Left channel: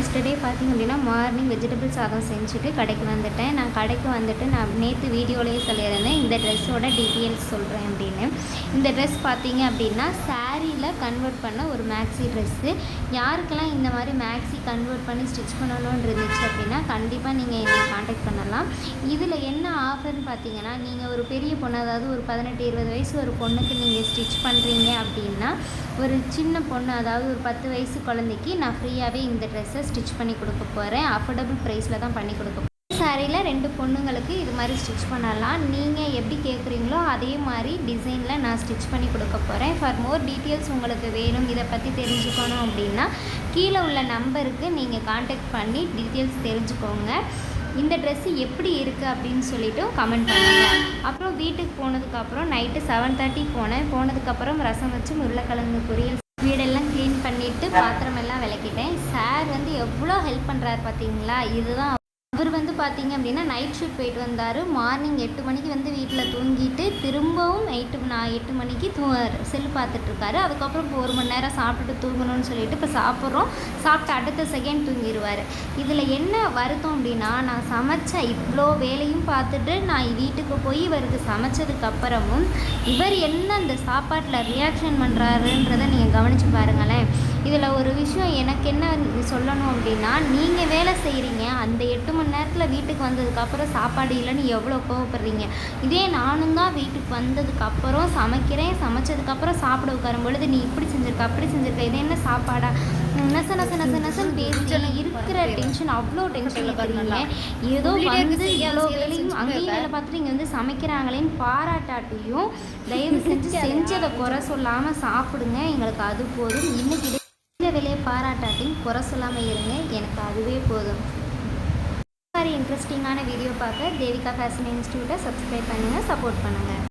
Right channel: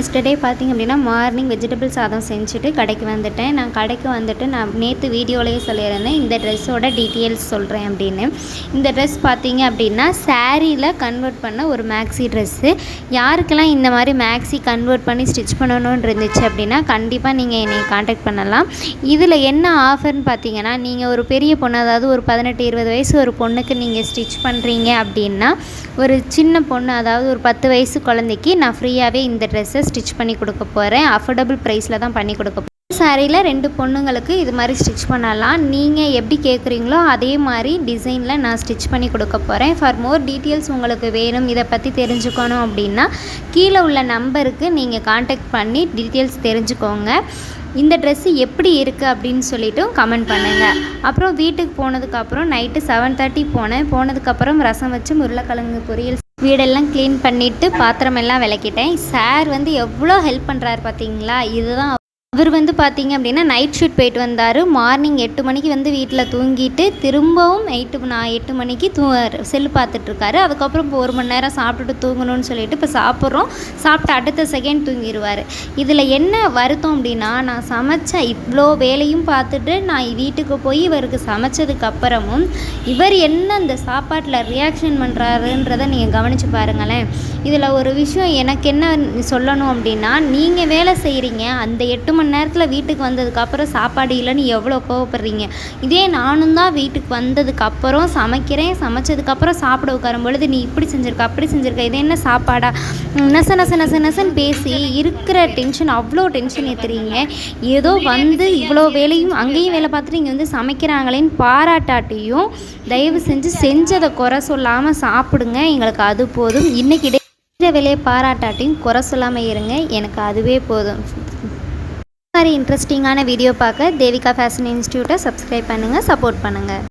Yesterday பார்த்திங்க அப்படின்னா morning vegetable சாதம் செஞ்சுட்டு கடைக்கு வந்துட்டேன். நான் கடைக்கு வந்துட்டு நான் நேற்று வீடியோலேயே சொல்லியிருந்தேன். இந்த ட்ரெஸ்ஸோட டீட்டெயில்ஸ் சொல்கிறேன் அப்படின்னு. இந்த ட்ரெஸ் பார்த்தீங்க அப்படின்னா சாரியில் கன்வெர்ட் பண்ண ஒரு மேக்ஸி ட்ரெஸ்ஸு யாருக்கெல்லாம் இந்த மாதிரி மேக்ஸி கன்வெர்ட் பண்ணி ஸ்டிச் பண்ணணும்னு இருந்துச்சு அப்படின்னா கண்டிப்பாக நீங்கள் என்னை காண்டாக்ட் பண்ணலாம். இதில் என்ன ஆஃபர்னு பார்த்தீங்கன்னா நீங்கள் ஒரு பெரிய பொண்ணு அதாவது ஒரு பதினெட்டு இருபது வயசு ஒரு பொண்ணுக்கு நீங்கள் ஸ்டிச் பண்ணுறீங்க அப்படின்னா ஒரு சின்ன பொண்ணு அதாவது ஒரு பத்து வயசு குழந்தைக்கு நான் ஃப்ரீயாகவே இந்த ட்ரெஸ்ஸை ஸ்டிச் பண்ணி கொடுக்க போகிறேன் அஃபோர்டபுள் ப்ரைஸில் தான் பண்ணி கொடுக்க சாரியில் ரெண்டு பொண்ணுங்களுக்கு இது மாதிரி ஸ்டிச் பண்ணலாம். நீங்கள் எப்படி கேட்குறீங்களோ அதே மாதிரி டிசைனில் நான் ஸ்டிச் பண்ணி கொடுக்க போகிறேன் ஃபார் மோர் டீட்டெயில்ஸ் உங்களுக்கு வேணும் இதை பற்றி தெரிஞ்சுக்கணும் அப்படின்னா கீழே உள்ள நம்பருக்கு நீங்கள் காண்டாக்ட் பண்ணி டீட்டெயில்ஸ் தெரிஞ்சுக்கோங்க. இந்த ட்ரெஸ்ஸு எப்படி இருக்குது அப்படின்னு சொல்லிவிட்டு கமெண்ட் பண்ணுங்கள் அப்புறம் வீட்டுக்கு போனதுக்கப்புறம் நைட்டு செவன் தேர்ட்டி போனேன். போனதுக்கப்புறம் ரசம் வச்சு உருளைக்கிழங்கு பொரியல் வீடெல்லாம் க்ளீன் பண்ணிவிட்டு பாத்திரமெல்லாம் விளக்கிட்டேன். சார் வந்து எவ்வளோ ஹெல்ப் பண்ணுறாரு பார்த்தீங்களா இதுதான் அவர் வந்து பார்த்தீங்க அப்படின்னா நைட் ஷூட் போயிட்டு வந்தார். மார்னிங் எட்டு மணிக்கு வந்து வீட்டில் தூங்கிட்டு திரும்பவும் எயிட்டு நான் எட்டு மணிக்கு தூ செல்லு பார்த்துட்ருக்காரு அதுக்கப்புறம் இப்போ ஒரு மணி நேரம் சாப்பிட்டுட்டு தூங்கணும்னு சொல்லிட்டு இப்போ சாப்பிட்றோம். சாப்பிட்டு அடுத்த செகண்ட் தூங்கிடுவார் இதில் என்ன வருத்தம் அப்படின்னா நான் சமைச்ச இவ்வளோ வேலையும் பார்த்துட்டு நான் வீட்டுக்கு போய் இவருக்கு சமைச்சதுக்கப்புறமும் இவர் என்ன அந்த சாப்பாட்டில் ரியாக்ஷன் பண்ணுறாருன்றதை நீங்கள் கவனித்து பாருங்களேன். இதில் ஒரு விஷயம் எனக்கு என்ன சொல்லணும் அப்படின்னா நீங்கள் வேலை செய்கிறீங்க அந்த எட்டு மணி நேரத்தில் வீட்டுக்கு வந்ததுக்கப்புறம் சாப்பாடு இல்லைன்னு எவ்வளோ கோவப்படுறீங்க? இதே நானும் தான் வீட்டுக்கு வந்ததுக்கப்புறம் சமைக்கிறேன் சமைச்சதுக்கப்புறம் சாப்பிட உட்காரும் பொழுது நீ இப்படி செஞ்சுருக்க அப்படி செஞ்சுருக்க இது என்ன சாப்பாடா? நச நச நச நசன்னு பேசி இருக்கிற டென்ஷன் அவ்வளோ டென்ஷன் ஏற்றுறீங்க ஏதோ வந்து இவ்வளோ வேலையும் அங்கேயும் வேலை பார்த்துட்டு இங்கே வந்து சமைக்கிறாங்களேன்னு பாராட்டாட்டியும் தயவு செஞ்சு செஞ்சதை குறை சொல்லாமல் சாப்பிடுங்க. எங்களுக்கு அது போதும். இன்றைக்கி இந்த வேலையை பாராட்டாட்டியும் குறை சொல்லாமல் இருங்க. எனக்கு அதுவே போதும். மாதிரி இன்ட்ரெஸ்டிங்கான வீடியோ பார்க்க தேவிகா ஃபேஷன் இன்ஸ்டியூட்டை சப்ஸ்கிரைப் பண்ணுங்கள் சப்போர்ட் பண்ணுங்கள்